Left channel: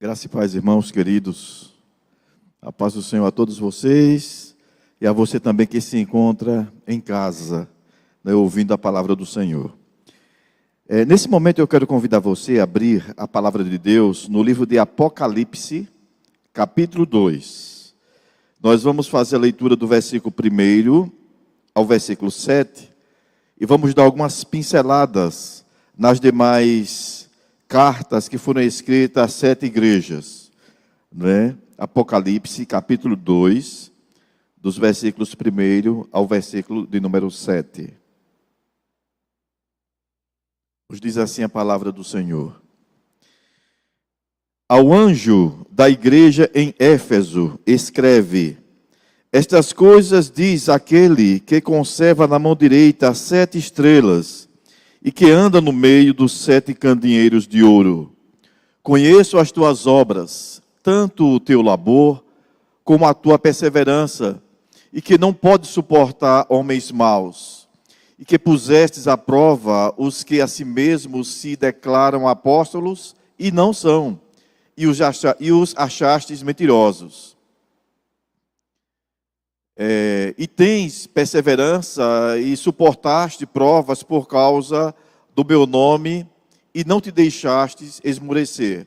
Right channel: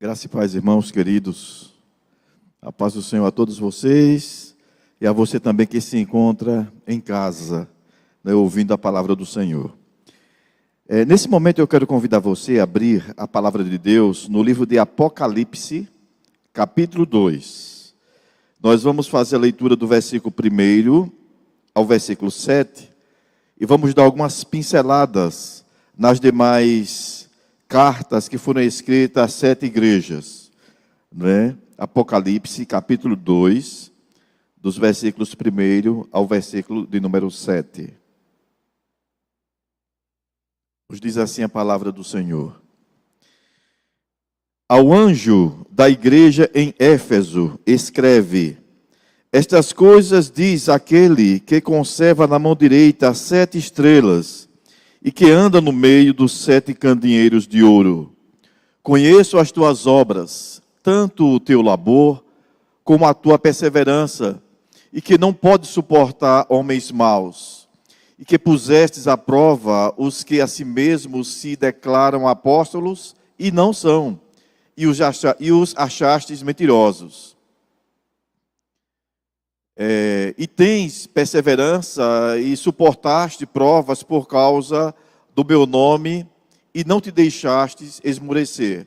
Graça e paz, irmãos queridos. A paz do Senhor a todos vocês e a você também que se encontra em casa, ouvindo a palavra do Senhor. Nesse momento eu quero convidar você a abrir a palavra de Deus no livro de Apocalipse, capítulo 2. Nós vamos fazer a leitura do versículo 1 ao versículo 7 e vamos dar algumas pinceladas nas demais cartas que foram escritas às 7 igrejas, Apocalipse, capítulo 2, dos versículos 1 ao versículo de número 7. Nos diz assim a palavra do Senhor. Ao anjo da igreja em Éfeso, escreve: estas coisas diz aquele que conserva na mão direita as 7 estrelas, e que anda no meio dos 7 candeeiros de ouro. Conheço as tuas obras, tanto o teu labor, como a tua perseverança, e que não podes suportar homens maus, e que pusestes à prova os que a si mesmos se declaram apóstolos, e não são, e os achastes mentirosos. E tens perseverança e suportaste provas por causa do meu nome e não te deixastes esmurecer.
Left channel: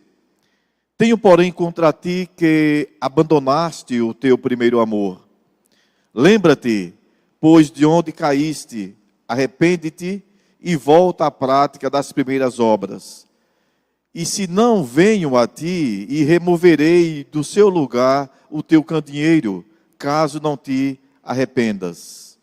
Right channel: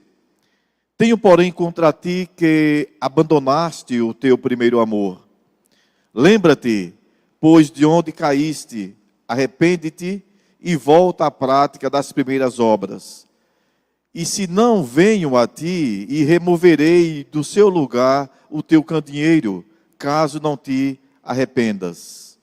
Tenho, porém, contra ti que abandonaste o teu primeiro amor. Lembra-te, pois, de onde caíste, arrepende-te e volta à prática das primeiras obras. E se não venho a ti e removerei do seu lugar o teu candeeiro, caso não te arrependas.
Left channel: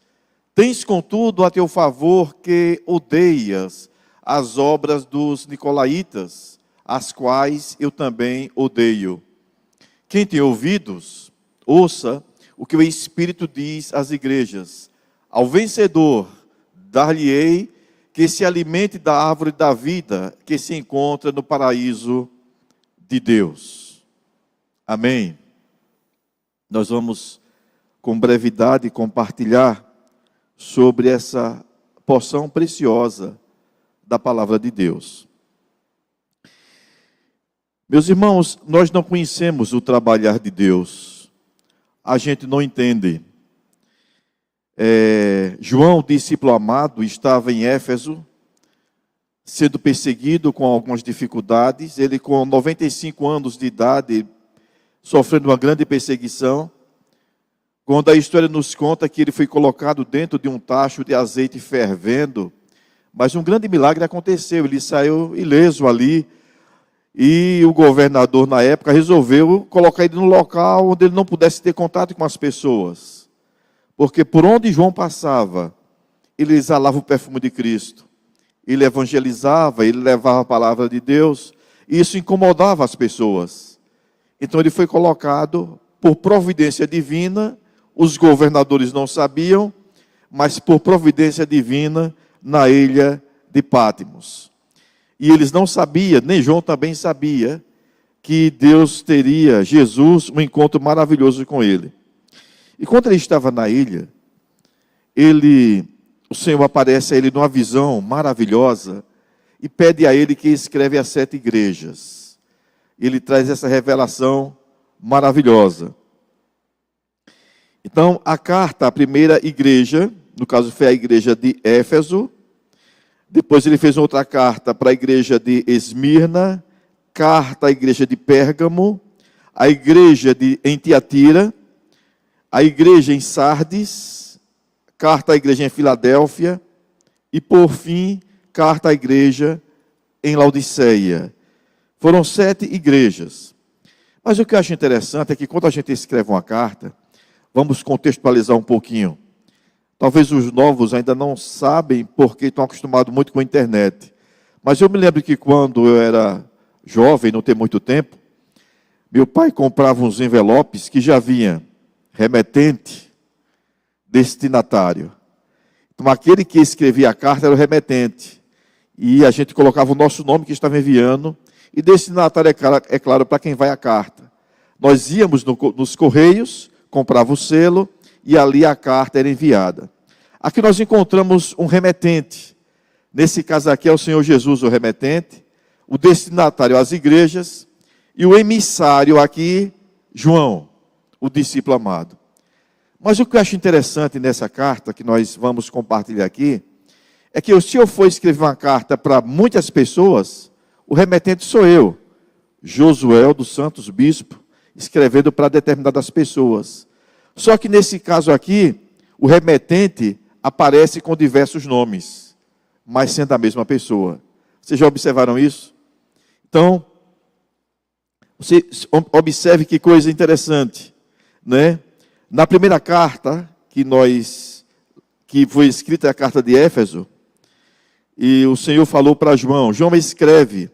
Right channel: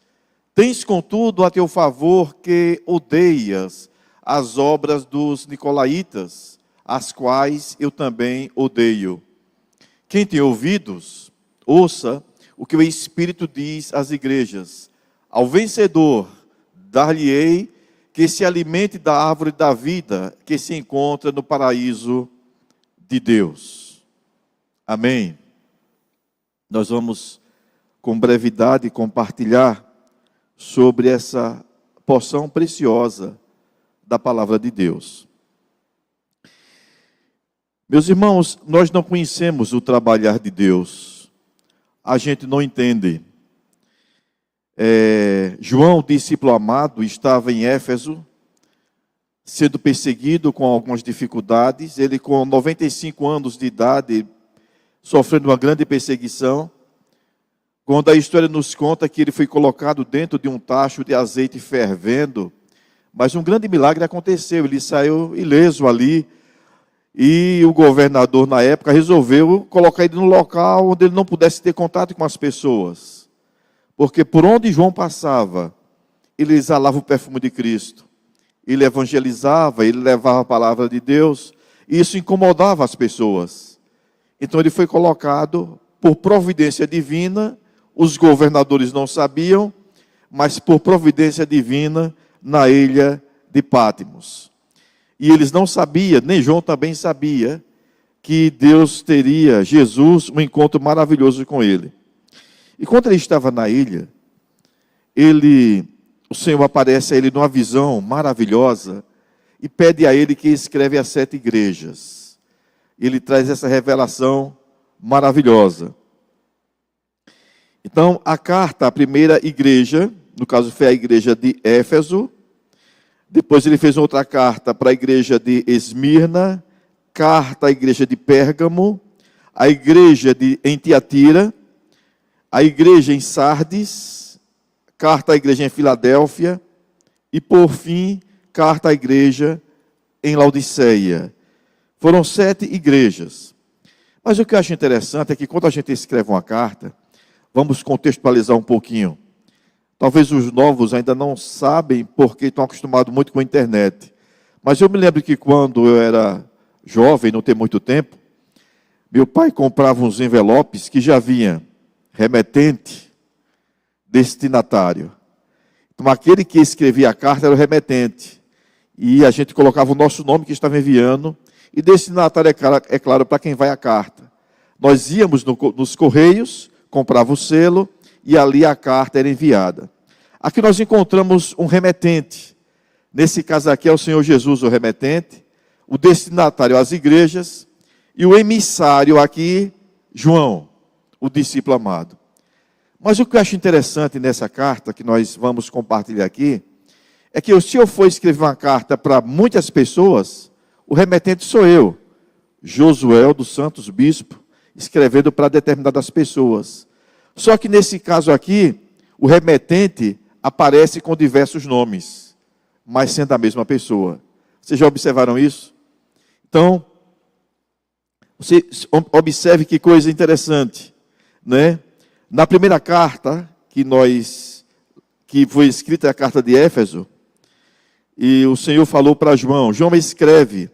Tens, contudo, a teu favor que odeias as obras dos nicolaítas, as quais eu também odeio. Quem tem ouvidos, ouça o que o Espírito diz às igrejas. Ao vencedor, dar-lhe-ei que se alimente da árvore da vida que se encontra no paraíso de Deus. Amém. Nós vamos com brevidade compartilhar sobre essa porção preciosa da palavra de Deus. Meus irmãos, nós não conhecemos o trabalhar de Deus, a gente não entende. João, discípulo amado, estava em Éfeso, sendo perseguido com algumas dificuldades. Ele, com 95 anos de idade, sofrendo uma grande perseguição, quando a história nos conta que ele foi colocado dentro de um tacho de azeite fervendo, mas um grande milagre aconteceu, ele saiu ileso ali, e o governador na época resolveu colocar ele num local onde ele não pudesse ter contato com as pessoas, porque por onde João passava, ele exalava o perfume de Cristo, ele evangelizava, ele levava a palavra de Deus, e isso incomodava as pessoas. Então ele foi colocado por providência divina. Os governadores não sabiam, mas por providência divina, na ilha de Patmos. E eles não sabiam, nem João também sabia, que Deus teria, Jesus, um encontro maravilhoso com ele. E quando ele estava na ilha, o Senhor aparece a ele numa visão maravilhosa e pede a ele que escreve as 7 igrejas. Ele traz essa revelação maravilhosa. Então, a carta à primeira igreja, no caso foi a igreja de Éfeso, depois ele fez outra carta para a igreja de Esmirna, carta à igreja de Pérgamo, a igreja em Tiatira, a igreja em Sardes, carta à igreja em Filadélfia e, por fim, carta à igreja em Laodiceia. Foram 7 igrejas. Mas o que eu acho interessante é que quando a gente escreve uma carta, vamos contextualizar um pouquinho. Talvez os novos ainda não sabem porque estão acostumados muito com a internet. Mas eu me lembro que quando eu era jovem, não tem muito tempo, meu pai comprava uns envelopes que já vinha remetente, destinatário. Então aquele que escrevia a carta era o remetente. E a gente colocava o nosso nome que estava enviando. E destinatário é claro para quem vai a carta. Nós íamos nos correios, comprava o selo e ali a carta era enviada. Aqui nós encontramos um remetente. Nesse caso aqui é o Senhor Jesus, o remetente. O destinatário às igrejas E o emissário aqui, João, o discípulo amado. Mas o que eu acho interessante nessa carta, que nós vamos compartilhar aqui, é que se eu for escrever uma carta para muitas pessoas, o remetente sou eu, Josué dos Santos Bispo, escrevendo para determinadas pessoas. Só que nesse caso aqui, o remetente aparece com diversos nomes, mas sendo a mesma pessoa. Vocês já observaram isso? Então, você observe que coisa interessante, né? Na primeira carta que foi escrita, a carta de Éfeso, e o Senhor falou para João, João escreve,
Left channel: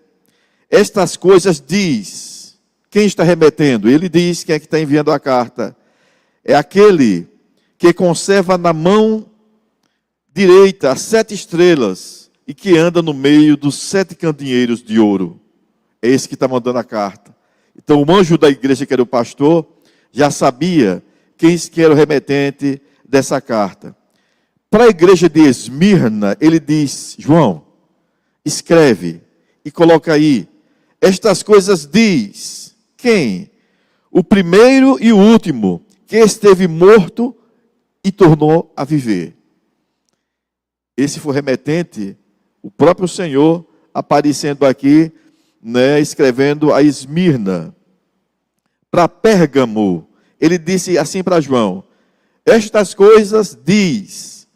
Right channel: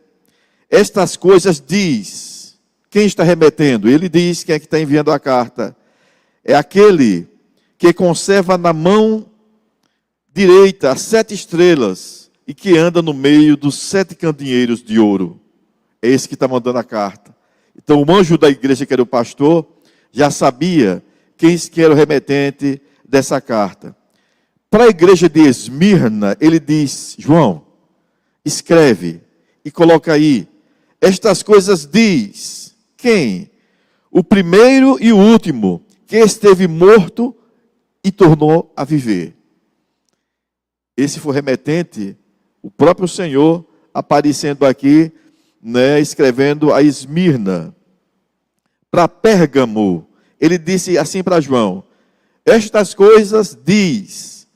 estas coisas diz, quem está remetendo? Ele diz, quem é que está enviando a carta? É aquele que conserva na mão direita as 7 estrelas e que anda no meio dos 7 candeeiros de ouro. É esse que está mandando a carta. Então o anjo da igreja, que era o pastor, já sabia quem era o remetente dessa carta. Para a igreja de Esmirna, ele diz, João, escreve e coloca aí, estas coisas diz, quem? O primeiro e o último, que esteve morto e tornou a viver. Esse foi o remetente, o próprio Senhor aparecendo aqui, né, escrevendo a Esmirna. Para Pérgamo, ele disse assim para João, estas coisas diz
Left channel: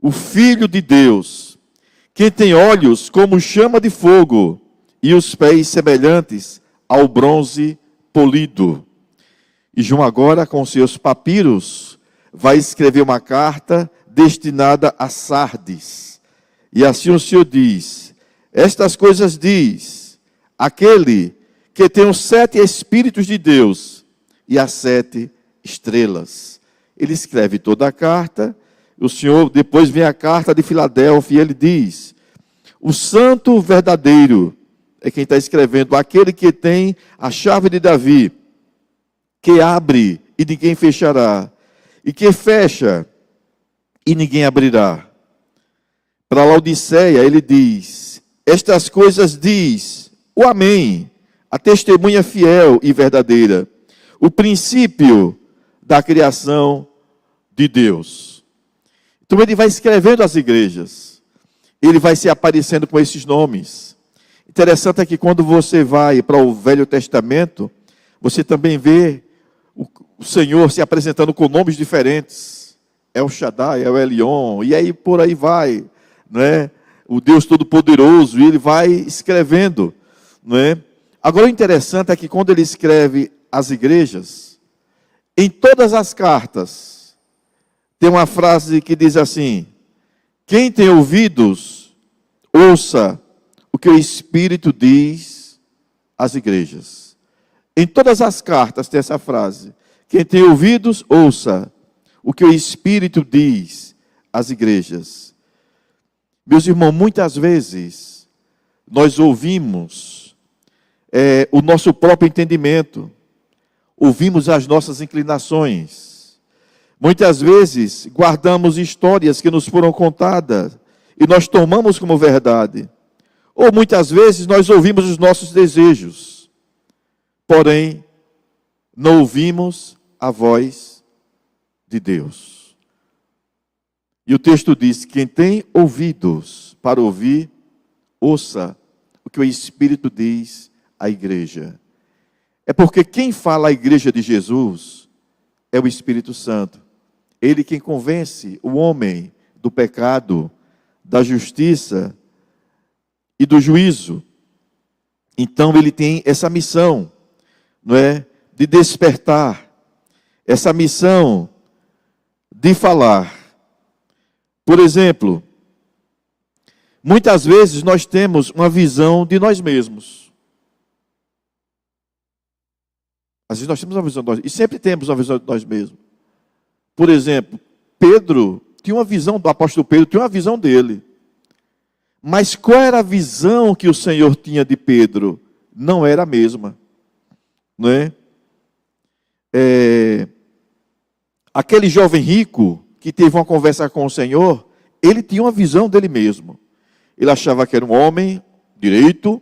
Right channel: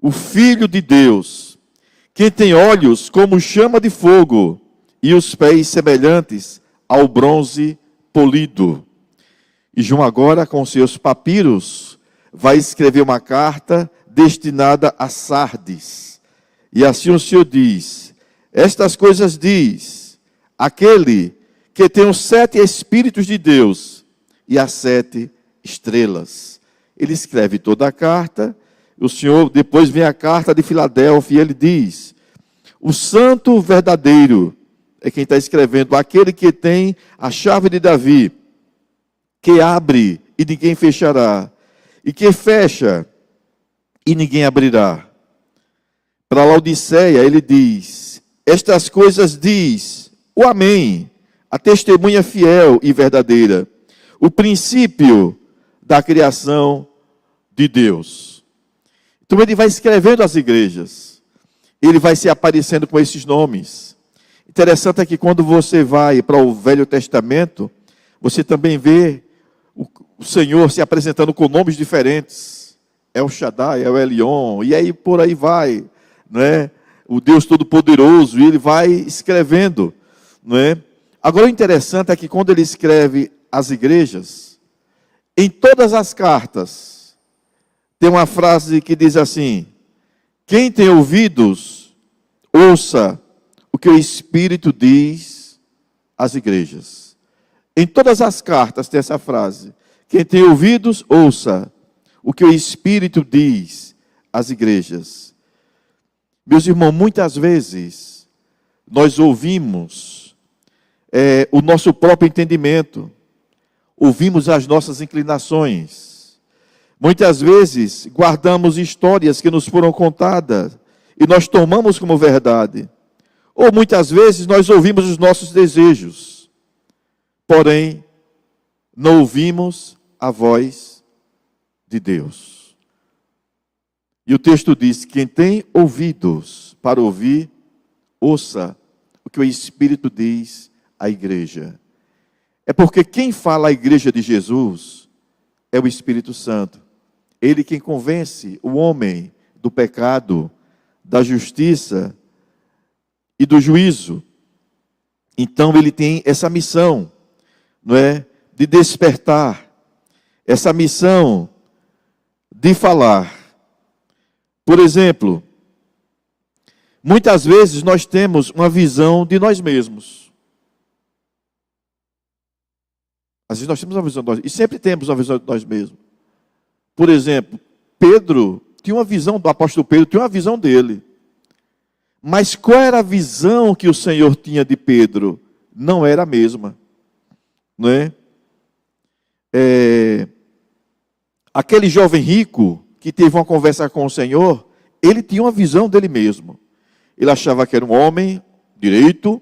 o Filho de Deus, que tem olhos como chama de fogo e os pés semelhantes ao bronze polido. E João agora, com seus papiros, vai escrever uma carta destinada a Sardes. E assim o Senhor diz, estas coisas diz aquele que tem os 7 Espíritos de Deus e as 7 estrelas. Ele escreve toda a carta, o Senhor, depois vem a carta de Filadélfia, e ele diz, o santo verdadeiro, é quem está escrevendo, aquele que tem a chave de Davi, que abre e ninguém fechará, e que fecha e ninguém abrirá. Para Laodiceia ele diz, estas coisas diz o Amém, a testemunha fiel e verdadeira, o princípio da criação de Deus. Então ele vai escrevendo às igrejas, ele vai se aparecendo com esses nomes. Interessante é que quando você vai para o Velho Testamento, você também vê o Senhor se apresentando com nomes diferentes. É o Shaddai, é o Elion, e aí por aí vai, né? O Deus Todo-Poderoso, e ele vai escrevendo, né? Agora o interessante é que quando ele escreve às igrejas, em todas as cartas, tem uma frase que diz assim, quem tem ouvidos, ouça o que o Espírito diz às igrejas. Em todas as cartas tem essa frase, quem tem ouvidos, ouça o que o Espírito diz às igrejas. Meus irmãos, muitas vezes nós ouvimos o nosso próprio entendimento, ouvimos as nossas inclinações. Muitas vezes guardamos histórias que nos foram contadas e nós tomamos como verdade. Ou muitas vezes nós ouvimos os nossos desejos, porém não ouvimos a voz de Deus. E o texto diz, quem tem ouvidos para ouvir, ouça o que o Espírito diz à igreja. É porque quem fala à igreja de Jesus é o Espírito Santo. Ele quem convence o homem do pecado, da justiça e do juízo. Então ele tem essa missão, não é? De despertar, essa missão de falar. Por exemplo, muitas vezes nós temos uma visão de nós mesmos. Às vezes nós temos uma visão de nós, e sempre temos uma visão de nós mesmos. Por exemplo, Pedro tinha uma visão, do apóstolo Pedro tinha uma visão dele. Mas qual era a visão que o Senhor tinha de Pedro? Não era a mesma. Não é? Aquele jovem rico que teve uma conversa com o Senhor, ele tinha uma visão dele mesmo. Ele achava que era um homem direito,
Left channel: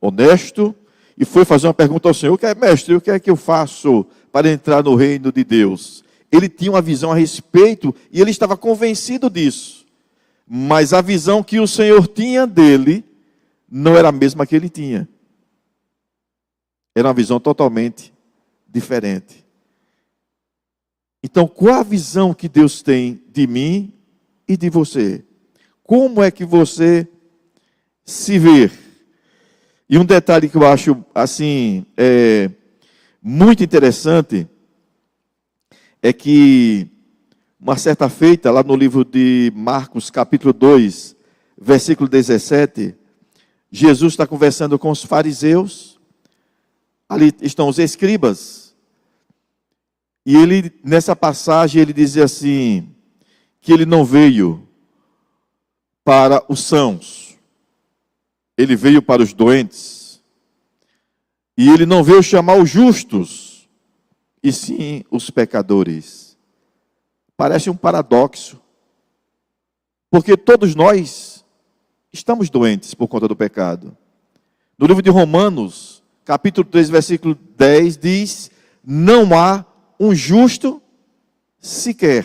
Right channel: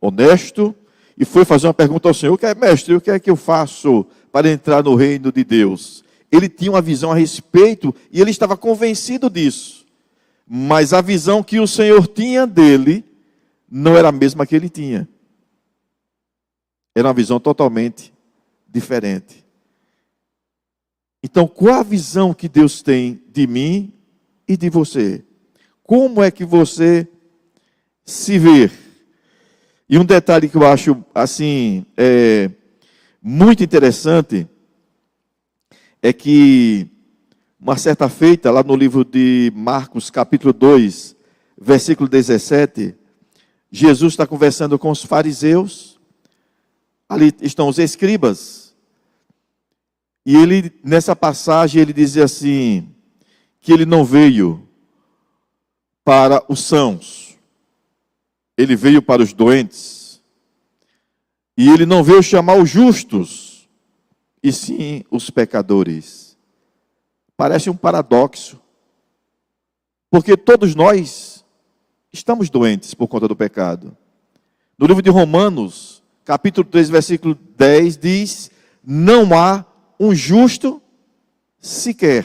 honesto, e foi fazer uma pergunta ao Senhor: mestre, o que é que eu faço para entrar no reino de Deus? Ele tinha uma visão a respeito e ele estava convencido disso. Mas a visão que o Senhor tinha dele não era a mesma que ele tinha. Era uma visão totalmente diferente. Então, qual a visão que Deus tem de mim e de você? Como é que você se vê? E um detalhe que eu acho assim muito interessante é que uma certa feita, lá no livro de Marcos, capítulo 2, versículo 17, Jesus está conversando com os fariseus, ali estão os escribas, e ele, nessa passagem, ele dizia assim, que ele não veio para os sãos, ele veio para os doentes, e ele não veio chamar os justos, e sim os pecadores. Parece um paradoxo, porque todos nós estamos doentes por conta do pecado. No livro de Romanos, capítulo 3, versículo 10, diz: não há um justo sequer.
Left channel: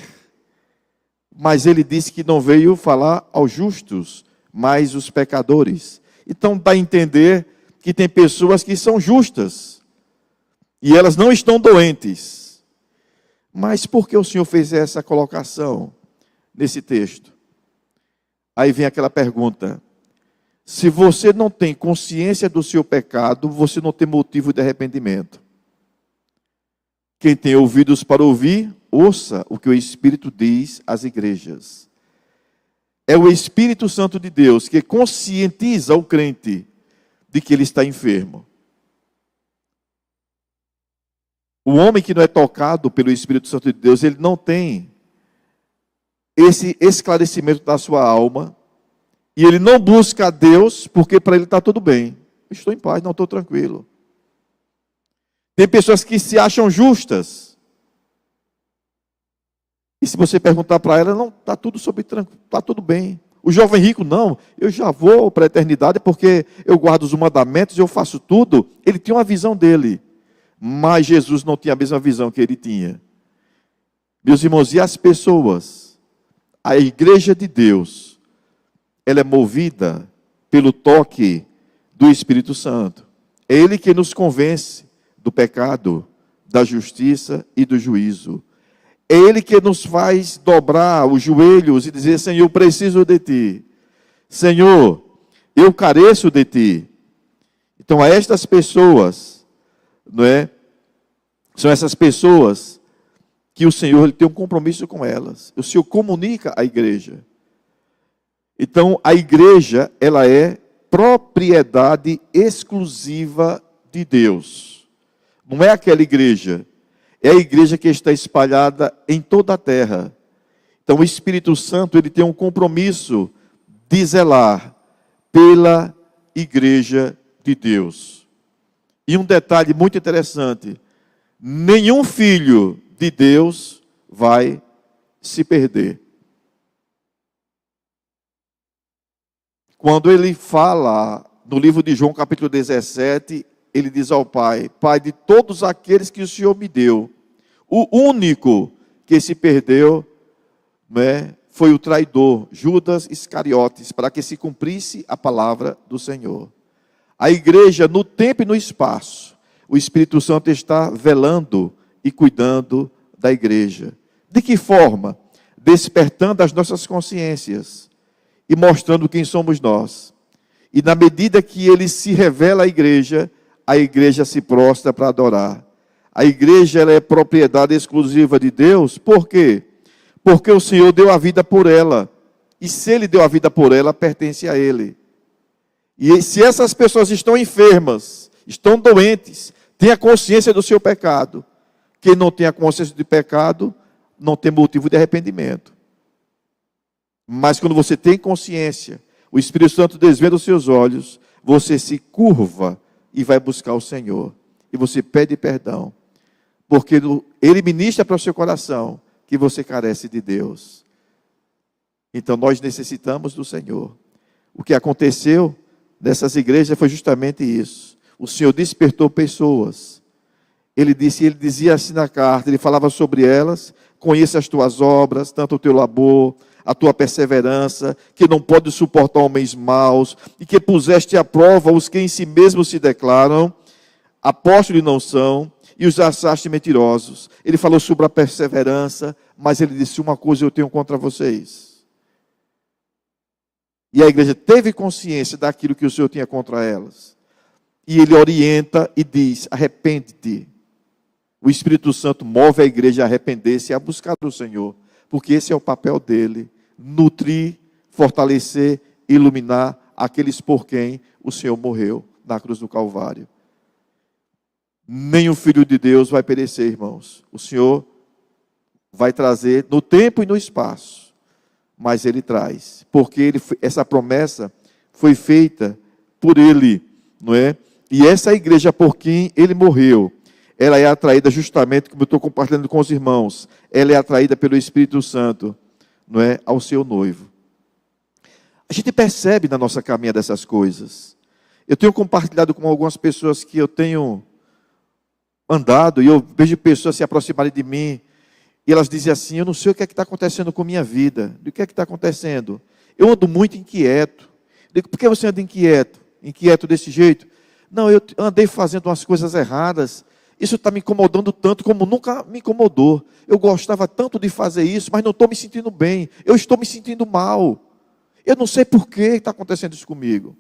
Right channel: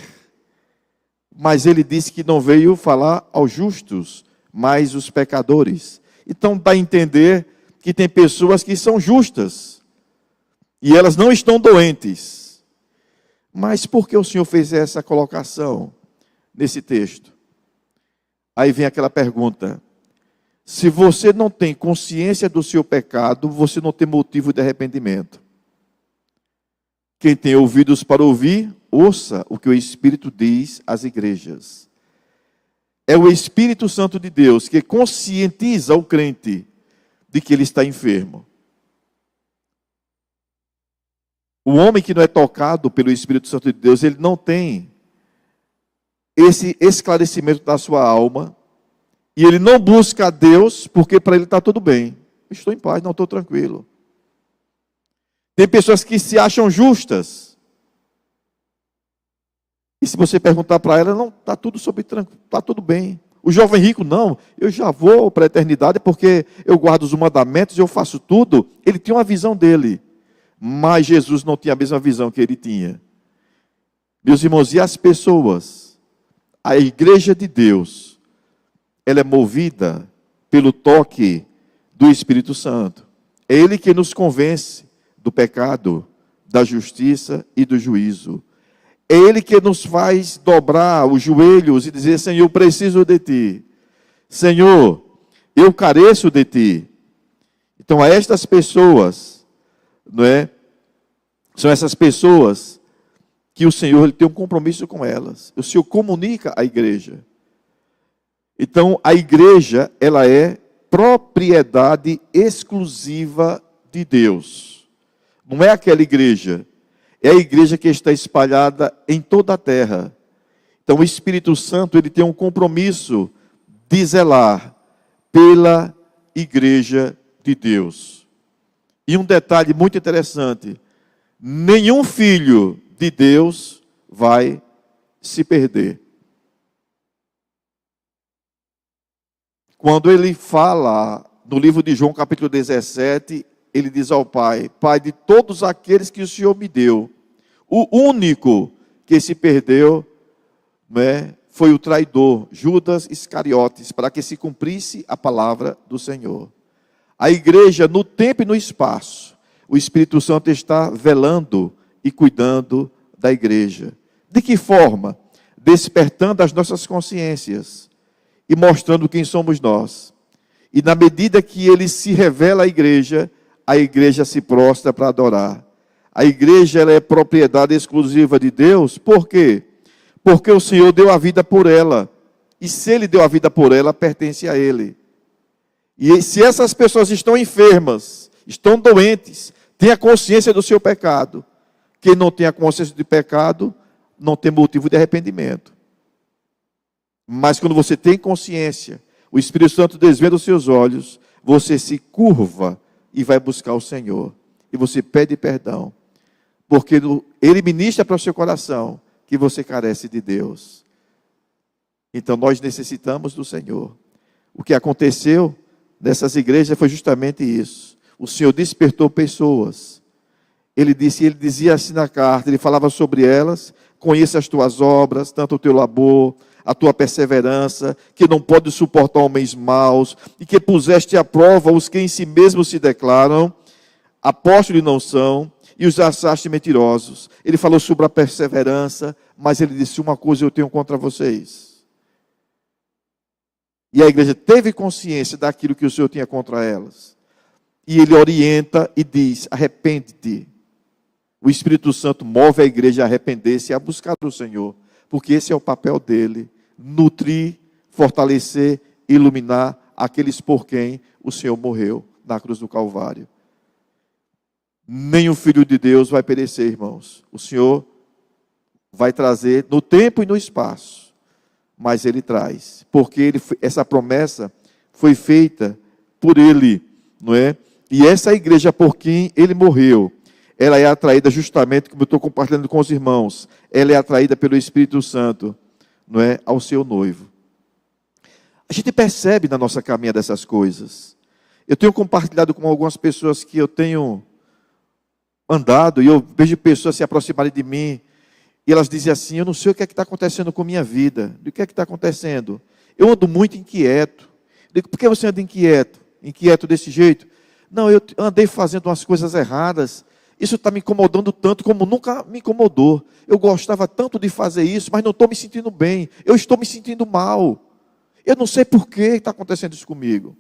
Mas ele disse que não veio falar aos justos, mas os pecadores. Então dá a entender que tem pessoas que são justas, e elas não estão doentes. Mas por que o Senhor fez essa colocação nesse texto? Aí vem aquela pergunta: se você não tem consciência do seu pecado, você não tem motivo de arrependimento. Quem tem ouvidos para ouvir, ouça o que o Espírito diz às igrejas. É o Espírito Santo de Deus que conscientiza o crente de que ele está enfermo. O homem que não é tocado pelo Espírito Santo de Deus, ele não tem esse esclarecimento da sua alma, e ele não busca a Deus, porque para ele está tudo bem. Estou em paz, não estou tranquilo. Tem pessoas que se acham justas, e se você perguntar para ela, não, está tudo está tudo bem. O jovem rico, não, eu já vou para a eternidade, porque eu guardo os mandamentos, eu faço tudo. Ele tinha uma visão dele. Mas Jesus não tinha a mesma visão que ele tinha. Meus irmãos, e as pessoas, a igreja de Deus, ela é movida pelo toque do Espírito Santo. É Ele que nos convence do pecado, da justiça e do juízo. É Ele que nos faz dobrar os joelhos e dizer: Senhor, eu preciso de Ti. Senhor, eu careço de Ti. Então, a estas pessoas, não é? São essas pessoas que o Senhor ele tem um compromisso com elas. O Senhor comunica à igreja. Então, a igreja, ela é propriedade exclusiva de Deus. Não é aquela igreja. É a igreja que está espalhada em toda a terra. Então, o Espírito Santo, ele tem um compromisso de zelar pela igreja de Deus. E um detalhe muito interessante: nenhum filho de Deus vai se perder. Quando ele fala no livro de João, capítulo 17, ele diz ao Pai: Pai, de todos aqueles que o Senhor me deu, o único que se perdeu, né, foi o traidor, Judas Iscariotes, para que se cumprisse a palavra do Senhor. A igreja, no tempo e no espaço, o Espírito Santo está velando e cuidando da igreja. De que forma? Despertando as nossas consciências e mostrando quem somos nós. E na medida que ele se revela à igreja, a igreja se prostra para adorar. A igreja, ela é propriedade exclusiva de Deus. Por quê? Porque o Senhor deu a vida por ela. E se Ele deu a vida por ela, pertence a Ele. E se essas pessoas estão enfermas, estão doentes, têm a consciência do seu pecado, quem não tem a consciência de pecado, não tem motivo de arrependimento. Mas quando você tem consciência, o Espírito Santo desvenda os seus olhos, você se curva e vai buscar o Senhor. E você pede perdão, porque Ele ministra para o seu coração que você carece de Deus. Então nós necessitamos do Senhor. O que aconteceu nessas igrejas foi justamente isso. o Senhor despertou pessoas. Ele dizia assim na carta, ele falava sobre elas: conheça as tuas obras, tanto o teu labor, a tua perseverança, que não pode suportar homens maus, e que puseste à prova os que em si mesmos se declaram apóstolos e não são, e os achaste mentirosos. Ele falou sobre a perseverança, mas ele disse: uma coisa eu tenho contra vocês. E a igreja teve consciência daquilo que o Senhor tinha contra elas. E ele orienta e diz: arrepende-te. O Espírito Santo move a igreja a arrepender-se e a buscar o Senhor, porque esse é o papel dele: nutrir, fortalecer, iluminar aqueles por quem o Senhor morreu na cruz do Calvário. Nem o Filho de Deus vai perecer, irmãos. O Senhor vai trazer no tempo e no espaço, mas ele traz, porque essa promessa foi feita por ele, não é? E essa igreja por quem ele morreu, ela é atraída justamente, como eu estou compartilhando com os irmãos, ela é atraída pelo Espírito Santo, não é, ao seu noivo. A gente percebe na nossa caminhada dessas coisas. Eu tenho compartilhado com algumas pessoas que eu tenho andado, e eu vejo pessoas se aproximarem de mim, e elas dizem assim: eu não sei o que é que está acontecendo com a minha vida. O que é que está acontecendo? Eu ando muito inquieto. Eu digo: por que você anda inquieto? Inquieto desse jeito? Não, eu andei fazendo umas coisas erradas. Isso está me incomodando tanto como nunca me incomodou. Eu gostava tanto de fazer isso, mas não estou me sentindo bem. Eu estou me sentindo mal. Eu não sei por que está acontecendo isso comigo.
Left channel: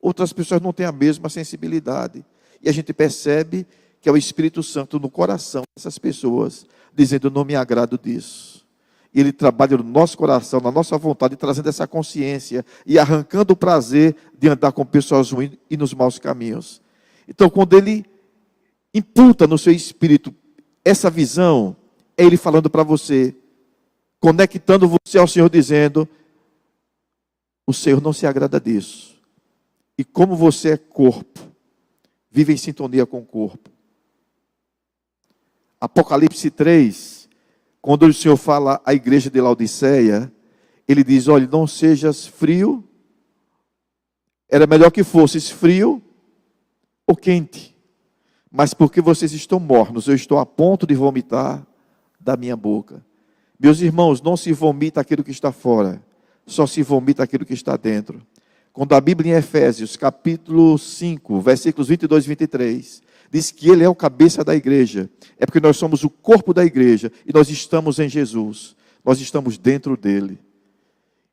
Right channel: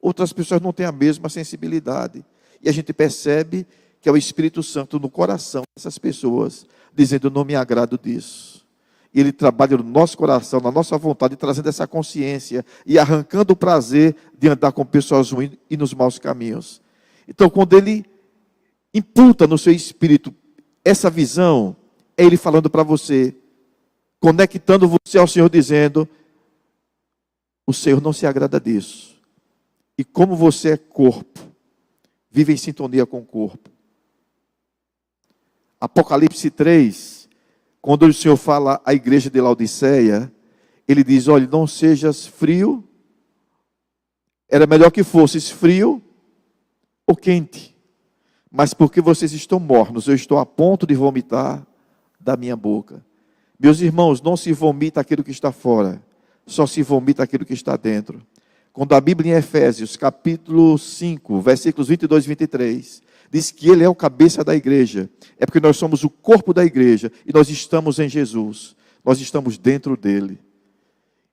Outras pessoas não têm a mesma sensibilidade. E a gente percebe que é o Espírito Santo no coração dessas pessoas, dizendo: eu não me agrado disso. E ele trabalha no nosso coração, na nossa vontade, trazendo essa consciência e arrancando o prazer de andar com pessoas ruins e nos maus caminhos. Então, quando ele imputa no seu espírito essa visão, é ele falando para você, conectando você ao Senhor, dizendo: o Senhor não se agrada disso. E como você é corpo, vive em sintonia com o corpo. Apocalipse 3, quando o Senhor fala à igreja de Laodiceia, ele diz: olha, não sejas frio, era melhor que fosses frio ou quente, mas porque vocês estão mornos, eu estou a ponto de vomitar da minha boca. Meus irmãos, não se vomita aquilo que está fora, só se vomita aquilo que está dentro. Quando a Bíblia em Efésios, capítulo 5, versículos 22 e 23, diz que ele é o cabeça da igreja, é porque nós somos o corpo da igreja, e nós estamos em Jesus, nós estamos dentro dele.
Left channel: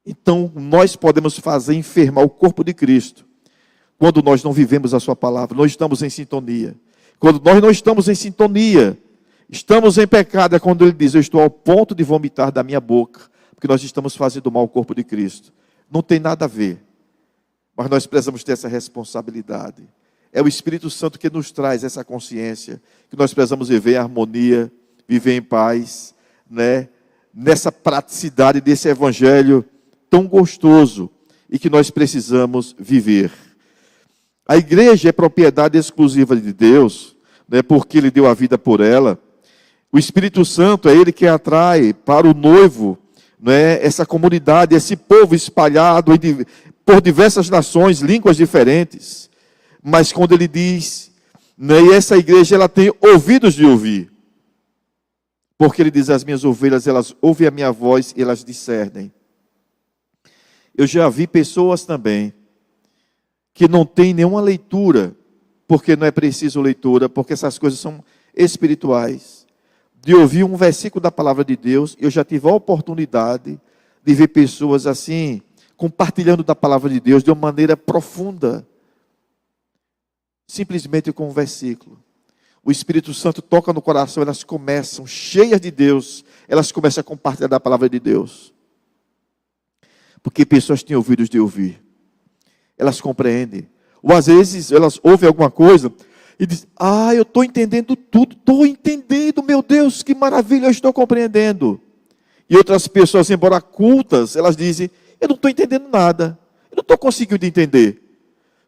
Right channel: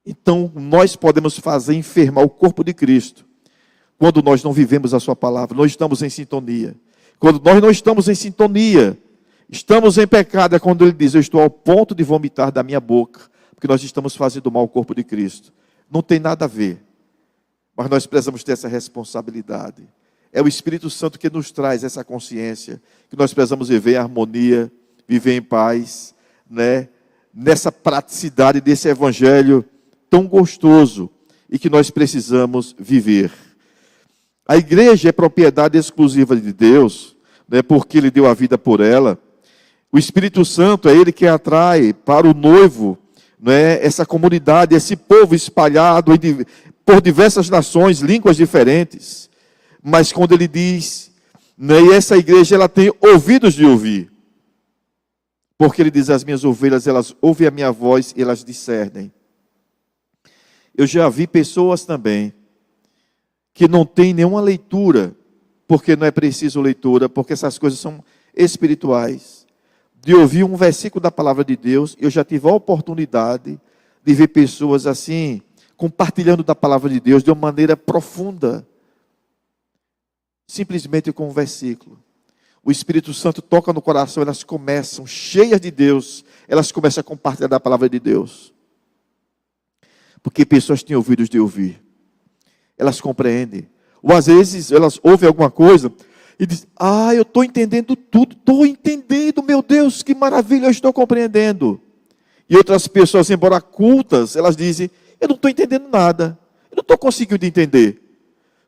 Então, nós podemos fazer enfermar o corpo de Cristo, quando nós não vivemos a sua palavra, nós estamos em sintonia. Quando nós não estamos em sintonia, estamos em pecado, é quando ele diz: eu estou ao ponto de vomitar da minha boca, porque nós estamos fazendo mal ao corpo de Cristo. Não tem nada a ver, mas nós precisamos ter essa responsabilidade. É o Espírito Santo que nos traz essa consciência, que nós precisamos viver em harmonia, viver em paz, né? Nessa praticidade desse evangelho tão gostoso e que nós precisamos viver. A igreja é propriedade exclusiva de Deus, né? Porque Ele deu a vida por ela. O Espírito Santo é Ele que atrai para o noivo, né? Essa comunidade, esse povo espalhado por diversas nações, línguas diferentes. Mas quando ele diz, né, e essa igreja ela tem ouvidos de ouvir, porque ele diz: as minhas ovelhas, elas ouvem a minha voz e elas discernem. Eu já vi pessoas também que não têm nenhuma leitura, porque não é preciso leitura, porque essas coisas são espirituais, de ouvir um versículo da palavra de Deus. Eu já tive a oportunidade de ver pessoas assim, compartilhando da palavra de Deus de uma maneira profunda, simplesmente com um versículo. O Espírito Santo toca no coração, elas começam, cheias de Deus, elas começam a compartilhar da palavra de Deus. Porque pessoas têm ouvidos de ouvir. Elas compreendem. Ou às vezes elas ouvem alguma coisa e dizem: eu estou entendendo tudo, estou entendendo, meu Deus, que maravilha, eu estou compreendendo. E outras pessoas, embora cultas, elas dizem: eu não estou entendendo nada, eu não estou conseguindo entender.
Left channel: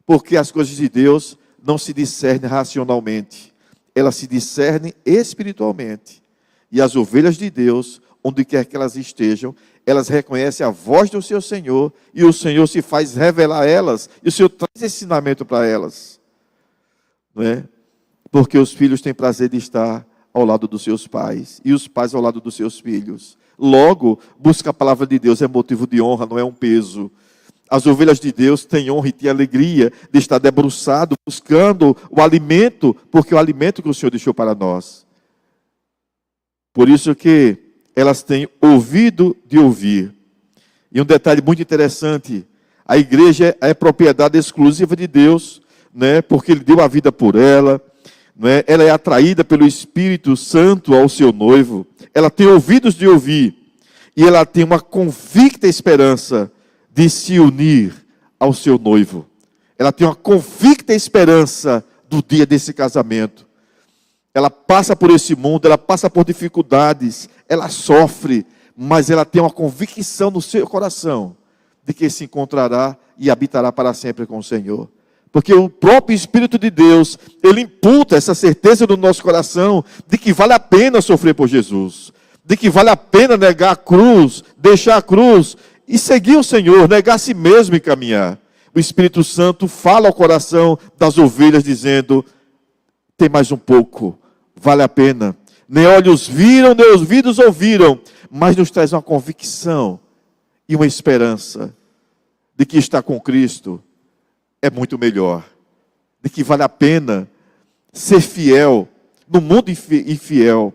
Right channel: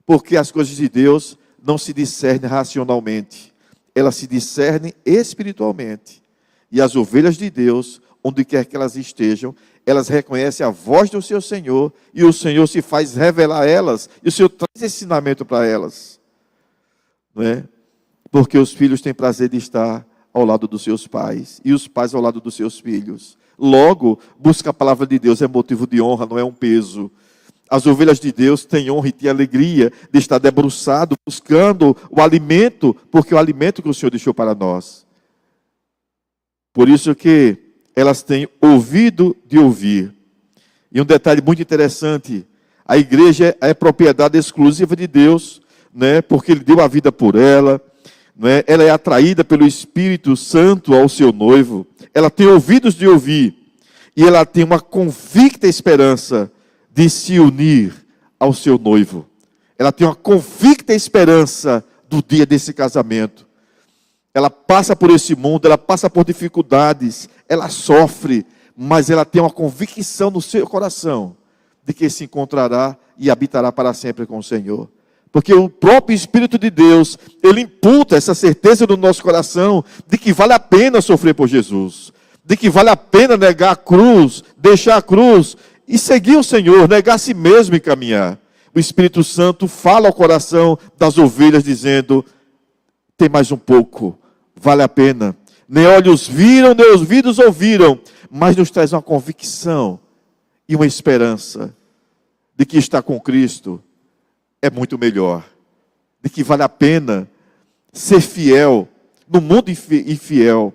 Porque as coisas de Deus não se discernem racionalmente, elas se discernem espiritualmente. E as ovelhas de Deus, onde quer que elas estejam, elas reconhecem a voz do seu Senhor, e o Senhor se faz revelar a elas, e o Senhor traz ensinamento para elas. não é? Porque os filhos têm prazer de estar ao lado dos seus pais, e os pais ao lado dos seus filhos. Logo, buscar a palavra de Deus é motivo de honra, não é um peso. As ovelhas de Deus têm honra e têm alegria de estar debruçado, buscando o alimento, porque é o alimento que o Senhor deixou para nós. Por isso que elas têm ouvido de ouvir. E um detalhe muito interessante, a igreja é propriedade exclusiva de Deus, né? Porque Ele deu a vida por ela, né? Ela é atraída pelo Espírito Santo ao seu noivo, ela tem ouvidos de ouvir, e ela tem uma convicta esperança de se unir ao seu noivo. Ela tem uma convicta esperança do dia desse casamento. Ela passa por esse mundo, ela passa por dificuldades, ela sofre, mas ela tem uma convicção no seu coração de que se encontrará e habitará para sempre com o Senhor. Porque o próprio Espírito de Deus, Ele imputa essa certeza no nosso coração de que vale a pena sofrer por Jesus, de que vale a pena negar a cruz, deixar a cruz e seguir o Senhor, negar a si mesmo e caminhar. O Espírito Santo fala ao coração das ovelhas dizendo, tem mais um pouco, vale a pena. Nem olhos viram, nem ouvidos ouviram, mas nos traz uma convicção e uma esperança de que estar com Cristo é muito melhor, de que vale a pena ser fiel no mundo infiel,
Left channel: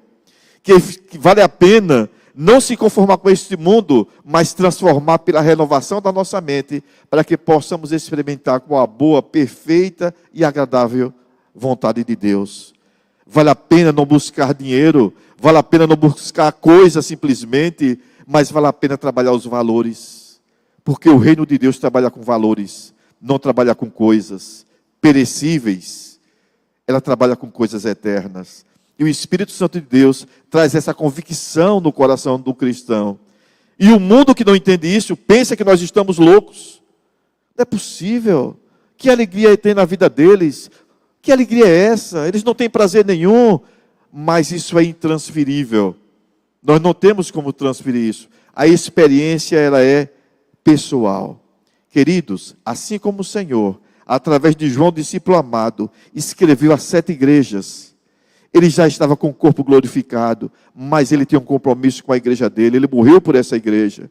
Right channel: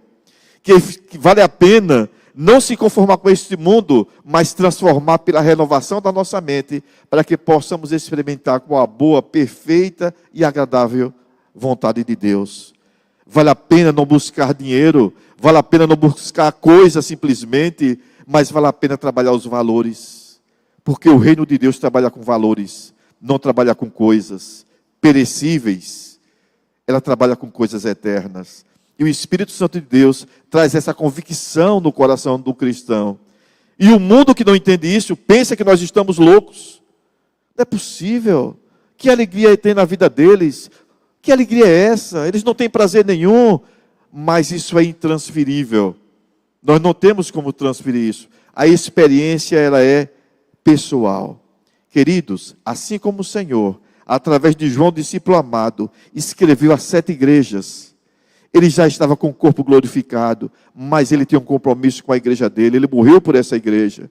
que vale a pena não se conformar com este mundo, mas transformar pela renovação da nossa mente, para que possamos experimentar com a boa, perfeita e agradável vontade de Deus. Vale a pena não buscar dinheiro, vale a pena não buscar coisa simplesmente, mas vale a pena trabalhar os valores, porque o reino de Deus trabalha com valores, não trabalha com coisas perecíveis, ela trabalha com coisas eternas. E o Espírito Santo de Deus traz essa convicção no coração do cristão. E o mundo que não entende isso, pensa que nós estamos loucos. Não é possível. Que alegria tem na vida deles? Que alegria é essa? Eles não têm prazer nenhum, mas isso é intransferível. Nós não temos como transferir isso. A experiência, ela é pessoal. Queridos, assim como o Senhor, através de João, discípulo amado, escreveu a 7 igrejas, ele já estava com o corpo glorificado, mas ele tem um compromisso com a igreja dele, ele morreu por essa igreja.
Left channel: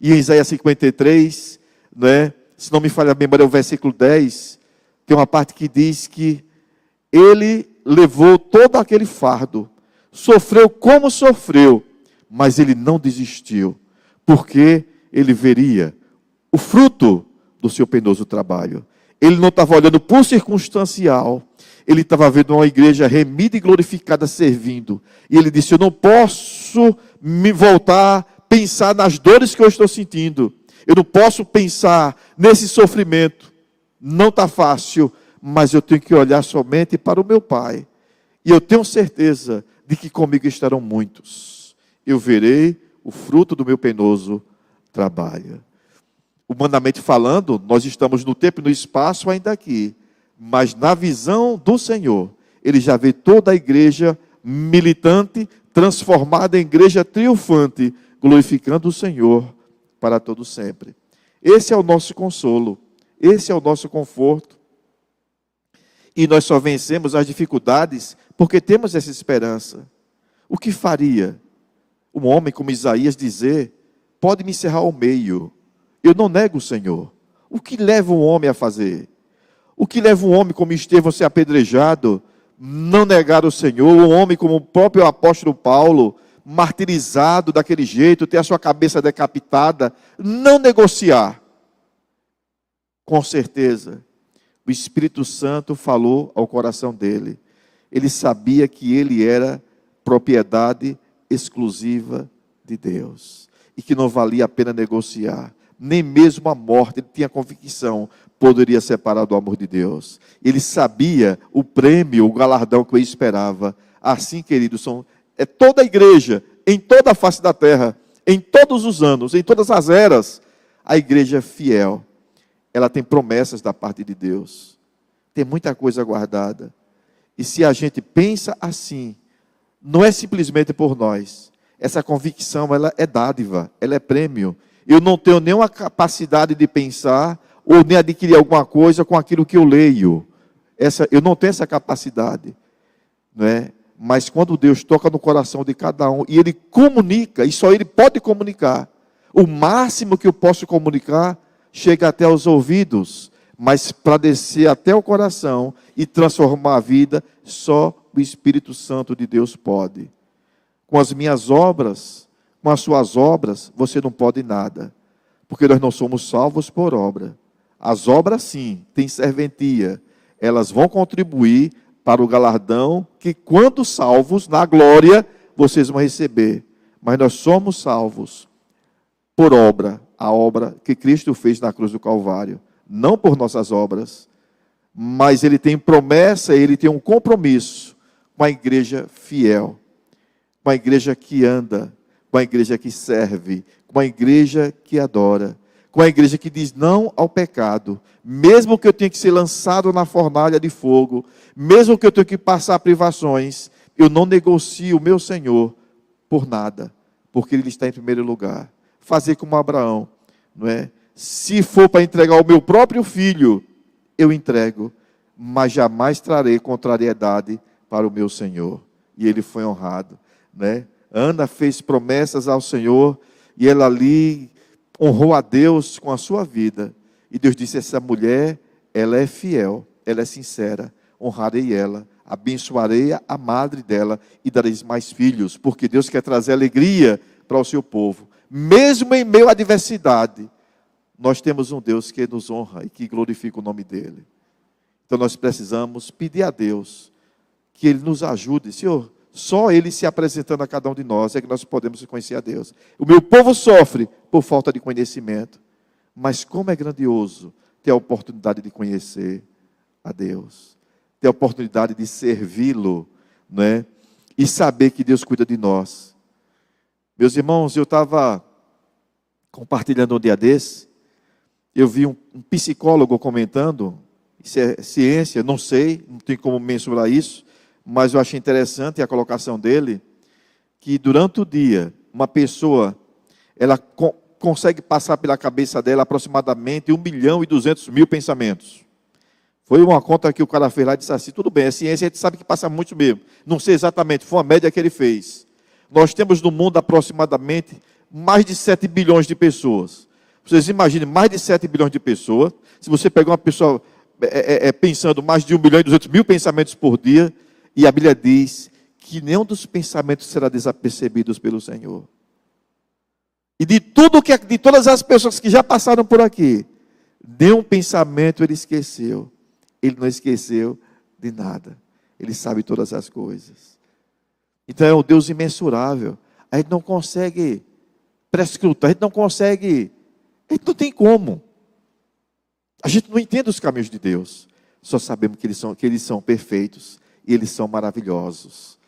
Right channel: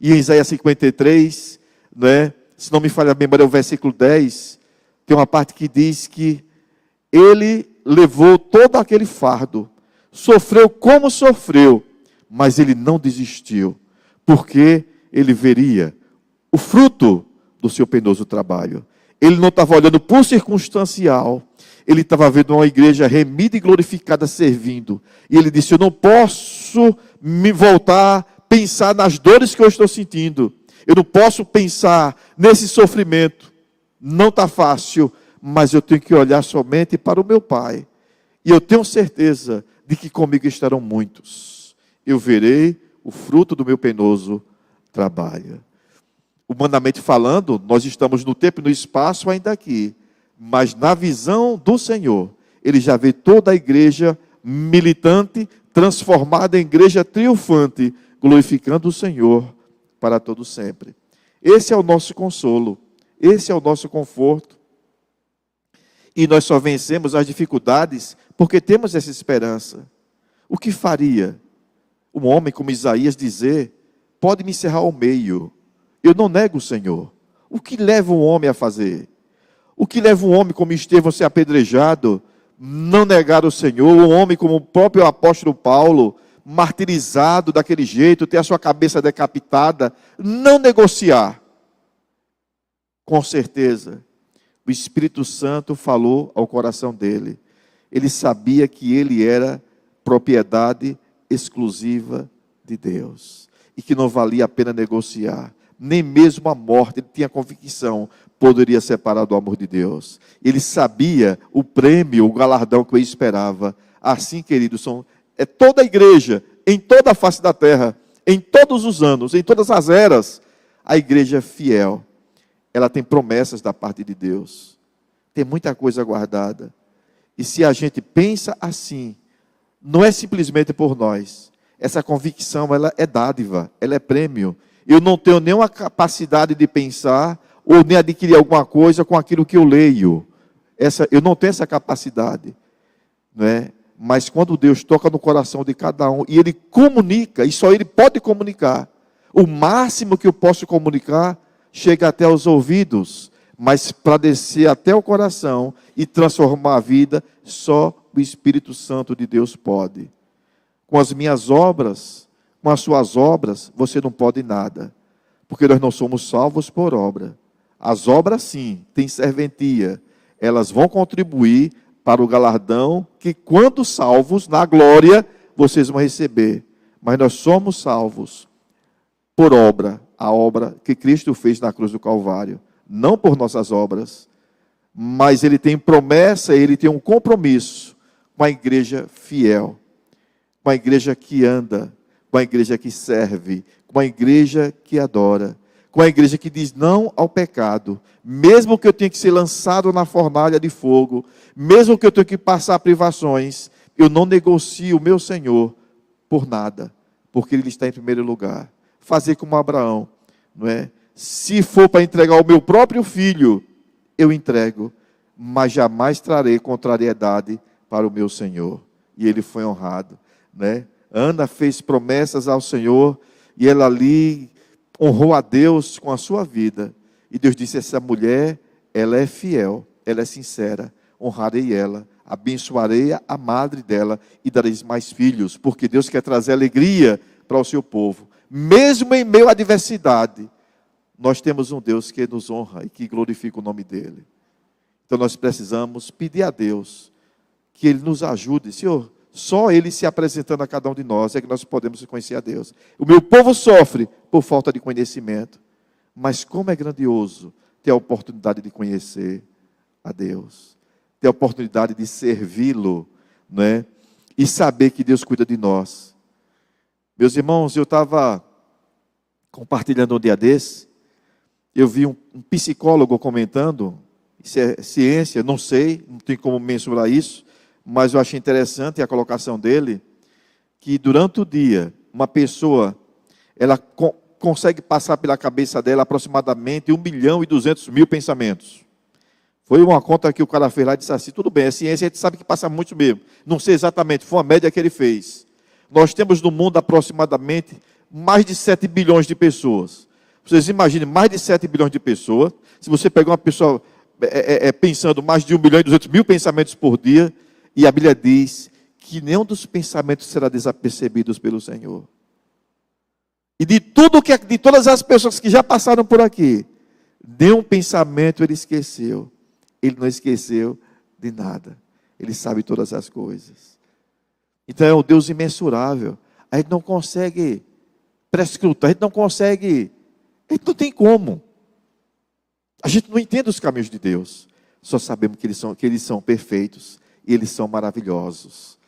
E em Isaías 53, né, se não me falha a memória, é o versículo 10, tem uma parte que diz que ele levou todo aquele fardo, sofreu como sofreu, mas ele não desistiu, porque ele veria o fruto do seu penoso trabalho. Ele não estava olhando por circunstancial, ele estava vendo uma igreja remida e glorificada servindo. E ele disse, eu não posso me voltar, pensar nas dores que eu estou sentindo. Eu não posso pensar nesse sofrimento. Não está fácil, mas eu tenho que olhar somente para o meu Pai. E eu tenho certeza de que comigo estarão muitos. Eu verei o fruto do meu penoso trabalho. Humanamente falando, nós estamos no tempo e no espaço ainda aqui. Mas na visão do Senhor, Ele já vê toda a igreja militante, transformada em igreja triunfante, glorificando o Senhor para todo sempre. Esse é o nosso consolo, esse é o nosso conforto. E nós só vencemos as dificuldades porque temos essa esperança. O que faria um homem como Isaías dizer, pode me encerrar ao meio, eu não nego o Senhor. O que leva um homem a fazer? O que leva um homem como Estevão a ser apedrejado, não negar o Senhor? Um homem como o próprio apóstolo Paulo, martirizado daquele jeito, ter a sua cabeça decapitada, não negociar. Com certeza, o Espírito Santo falou ao coração dele. Ele sabia que ele era propriedade exclusiva de Deus e que não valia a pena negociar. Nem mesmo a morte, ele tinha convicção, poderia separar do amor de Deus. Ele sabia o prêmio, o galardão que o esperava. Assim, queridos, é toda a igreja, em toda a face da terra, em todos os anos, em todas as eras, a igreja fiel, ela tem promessas da parte de Deus. Tem muita coisa guardada. E se a gente pensa assim, não é simplesmente por nós. Essa convicção, ela é dádiva, ela é prêmio. Eu não tenho nenhuma capacidade de pensar ou nem adquirir alguma coisa com aquilo que eu leio. eu não tenho essa capacidade, não é? Mas quando Deus toca no coração de cada um, e Ele comunica, e só Ele pode comunicar, o máximo que eu posso comunicar chega até os ouvidos, mas para descer até o coração e transformar a vida, só o Espírito Santo de Deus pode. Com as minhas obras, com as suas obras, você não pode nada, porque nós não somos salvos por obra. As obras sim, têm serventia, elas vão contribuir para o galardão que, quando salvos, na glória, vocês vão receber. Mas nós somos salvos por obra, a obra que Cristo fez na cruz do Calvário. Não por nossas obras, mas Ele tem promessa, Ele tem um compromisso com a igreja fiel, com a igreja que anda, com a igreja que serve, com a igreja que adora, com a igreja que diz não ao pecado, mesmo que eu tenha que ser lançado na fornalha de fogo, mesmo que eu tenha que passar privações, eu não negocio o meu Senhor por nada, porque Ele está em primeiro lugar. Fazer como Abraão, não é? Se for para entregar o meu próprio filho, eu entrego, mas jamais trarei contrariedade para o meu Senhor. E ele foi honrado, né? Ana fez promessas ao Senhor, e ela ali honrou a Deus com a sua vida. E Deus disse: essa mulher, ela é fiel, ela é sincera, honrarei ela, abençoarei a madre dela e dareis mais filhos, porque Deus quer trazer alegria para o seu povo. Mesmo em meio à adversidade, nós temos um Deus que nos honra e que glorifica o nome dEle. Então nós precisamos pedir a Deus que Ele nos ajude. Senhor, só Ele se apresentando a cada um de nós é que nós podemos conhecer a Deus. O meu povo sofre por falta de conhecimento, mas como é grandioso ter a oportunidade de conhecer a Deus, ter a oportunidade de servi-lo, né? E saber que Deus cuida de nós. Meus irmãos, eu estava compartilhando um dia desse, eu vi um psicólogo comentando, isso é ciência, não sei, não tem como mensurar isso, mas eu achei interessante a colocação dele, que durante o dia, uma pessoa, ela consegue passar pela cabeça dela aproximadamente 1.200.000 pensamentos. Foi uma conta que o cara fez lá e disse assim: tudo bem, é ciência, a gente sabe que passa muito mesmo. Não sei exatamente, foi uma média que ele fez. Nós temos no mundo aproximadamente mais de 7 bilhões de pessoas. Vocês imaginem, mais de 7 bilhões de pessoas. Se você pegar uma pessoa pensando mais de 1.200.000 pensamentos por dia, e a Bíblia diz que nenhum dos pensamentos será desapercebido pelo Senhor. E de todas as pessoas que já passaram por aqui, nenhum pensamento ele esqueceu. Ele não esqueceu de nada. Ele sabe todas as coisas. Então é um Deus imensurável. A gente não consegue prescrutar, a gente não tem como. A gente não entende os caminhos de Deus. Só sabemos que eles são perfeitos e eles são maravilhosos,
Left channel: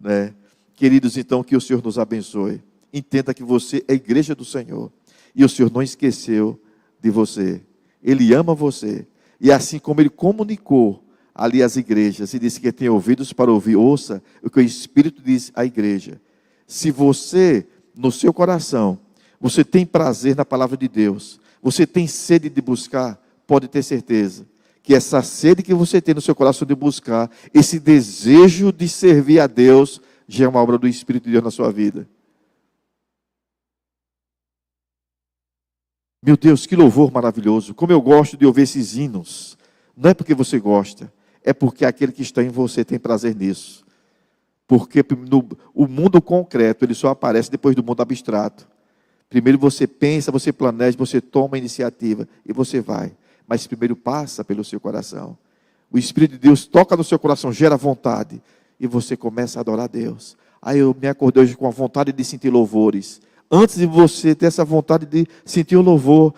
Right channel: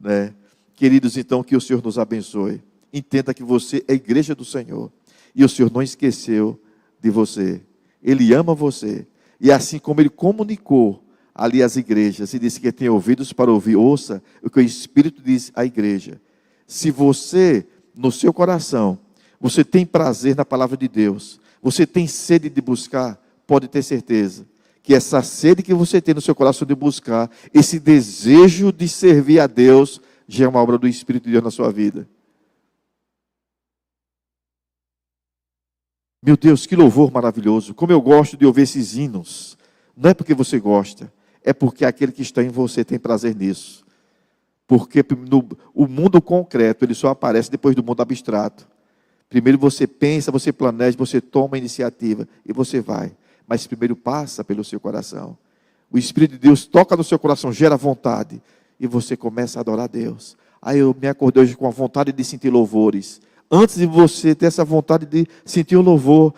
né? Queridos, então, que o Senhor nos abençoe. Entenda que você é a igreja do Senhor e o Senhor não esqueceu de você. Ele ama você. E assim como Ele comunicou ali às igrejas e disse que tem ouvidos para ouvir, ouça o que o Espírito diz à igreja. Se você, no seu coração, você tem prazer na palavra de Deus, você tem sede de buscar, pode ter certeza que essa sede que você tem no seu coração de buscar, esse desejo de servir a Deus, já é uma obra do Espírito de Deus na sua vida. Meu Deus, que louvor maravilhoso. Como eu gosto de ouvir esses hinos. Não é porque você gosta, é porque aquele que está em você tem prazer nisso. Porque o mundo concreto, ele só aparece depois do mundo abstrato. Primeiro você pensa, você planeja, você toma a iniciativa e você vai. Mas primeiro passa pelo seu coração. O Espírito de Deus toca no seu coração, gera vontade. E você começa a adorar a Deus. Aí eu me acordei hoje com a vontade de sentir louvores. Antes de você ter essa vontade de sentir o louvor,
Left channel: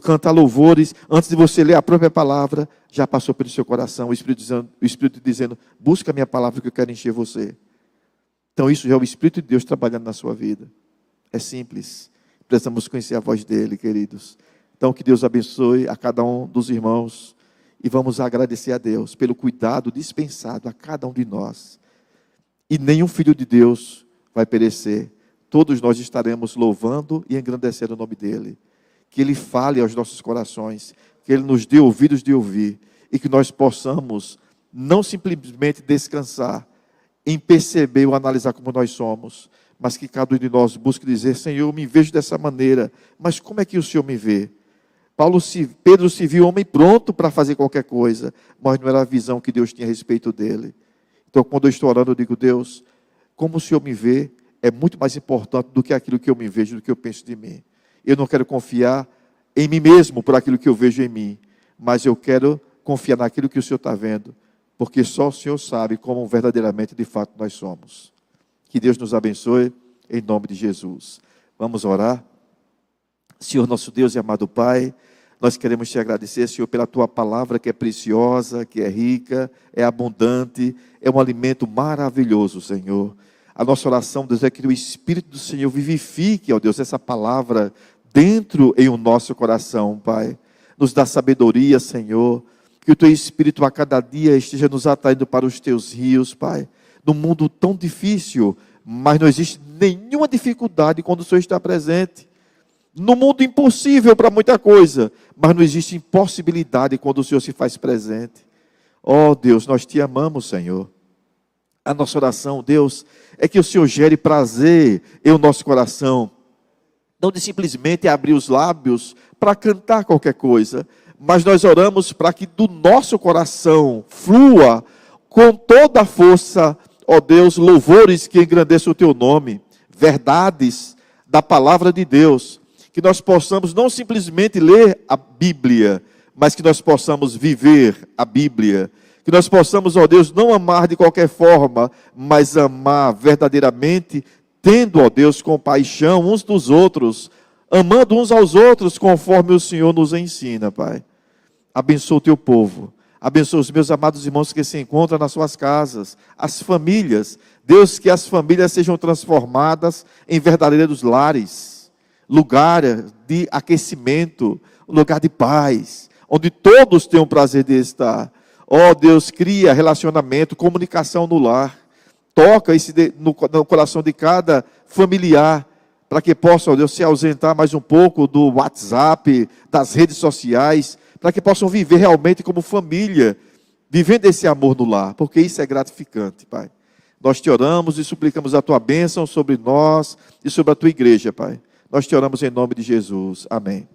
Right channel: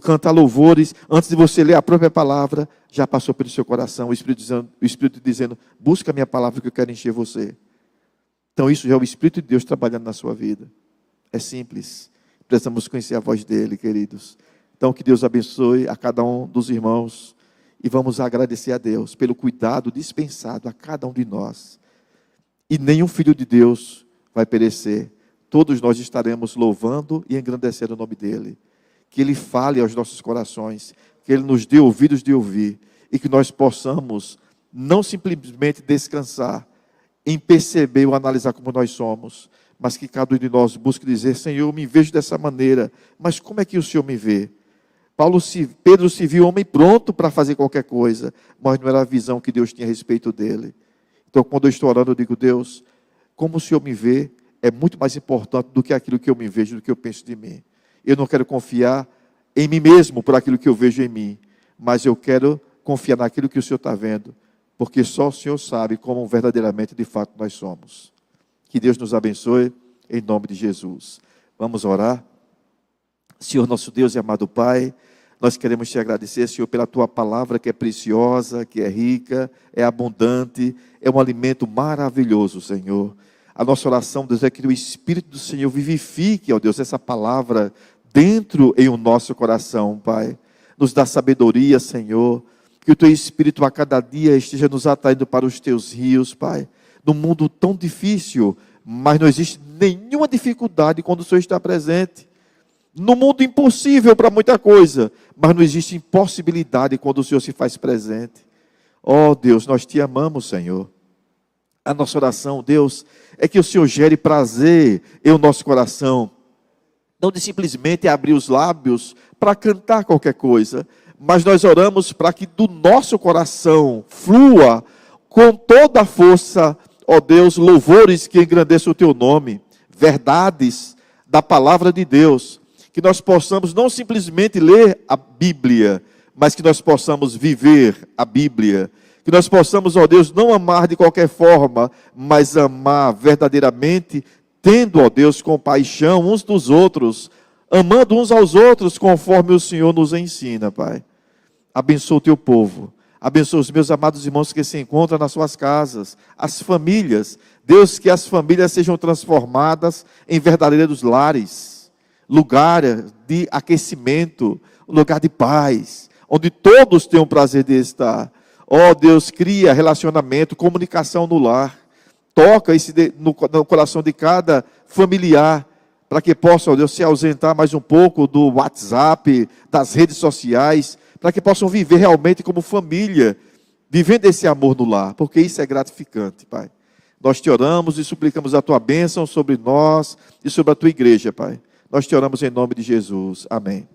cantar louvores, antes de você ler a própria palavra, já passou pelo seu coração o Espírito dizendo: busca a minha palavra que eu quero encher você. Então isso já é o Espírito de Deus trabalhando na sua vida. É simples. Precisamos conhecer a voz dele, queridos. Então que Deus abençoe a cada um dos irmãos e vamos agradecer a Deus pelo cuidado dispensado a cada um de nós. E nenhum filho de Deus vai perecer. Todos nós estaremos louvando e engrandecendo o nome dEle. Que Ele fale aos nossos corações, que Ele nos dê ouvidos de ouvir e que nós possamos não simplesmente descansar em perceber ou analisar como nós somos, mas que cada um de nós busque dizer: Senhor, eu me vejo dessa maneira, mas como é que o Senhor me vê? Pedro se viu homem pronto para fazer qualquer coisa, mas não era a visão que Deus tinha a respeito dele. Então, quando eu estou orando, eu digo: Deus, como o Senhor me vê é muito mais importante do que aquilo que eu me vejo, do que eu penso de mim. Eu não quero confiar em mim mesmo por aquilo que eu vejo em mim, mas eu quero confiar naquilo que o Senhor está vendo, porque só o Senhor sabe como verdadeiramente, de fato, nós somos. Que Deus nos abençoe, em nome de Jesus. Vamos orar. Senhor, nosso Deus e amado Pai, nós queremos te agradecer, Senhor, pela tua palavra que é preciosa, que é rica, é abundante, é um alimento maravilhoso, Senhor. A nossa oração, Deus, é que o Espírito do Senhor vivifique, ó Deus, essa palavra dentro em o nosso coração, Pai. Nos dá sabedoria, Senhor, que o teu Espírito a cada dia esteja nos atraindo para os teus rios, Pai. Num mundo tão difícil, mas não existe nenhuma dificuldade quando o Senhor está presente. No mundo impossível para muita coisa, mas não existe impossibilidade quando o Senhor se faz presente. Oh Deus, nós te amamos, Senhor. A nossa oração, Deus, é que o Senhor gere prazer em o nosso coração. Não de simplesmente abrir os lábios para cantar qualquer coisa, mas nós oramos para que do nosso coração flua com toda a força, ó Deus, louvores que engrandeçam o teu nome, verdades da palavra de Deus. Que nós possamos não simplesmente ler a Bíblia, mas que nós possamos viver a Bíblia. Que nós possamos, ó Deus, não amar de qualquer forma, mas amar verdadeiramente, tendo, ó Deus, compaixão uns dos outros, amando uns aos outros, conforme o Senhor nos ensina, Pai. Abençoa o teu povo. Abençoa os meus amados irmãos que se encontram nas suas casas, as famílias. Deus, que as famílias sejam transformadas em verdadeiros lares. Lugar de aquecimento, lugar de paz, onde todos tenham prazer de estar. Ó Deus, cria relacionamento, comunicação no lar. Toca no coração de cada familiar, para que possa, ó Deus, se ausentar mais um pouco do WhatsApp, das redes sociais, para que possam viver realmente como família, vivendo esse amor no lar, porque isso é gratificante, Pai. Nós te oramos e suplicamos a tua bênção sobre nós e sobre a tua igreja, Pai. Nós te oramos em nome de Jesus. Amém.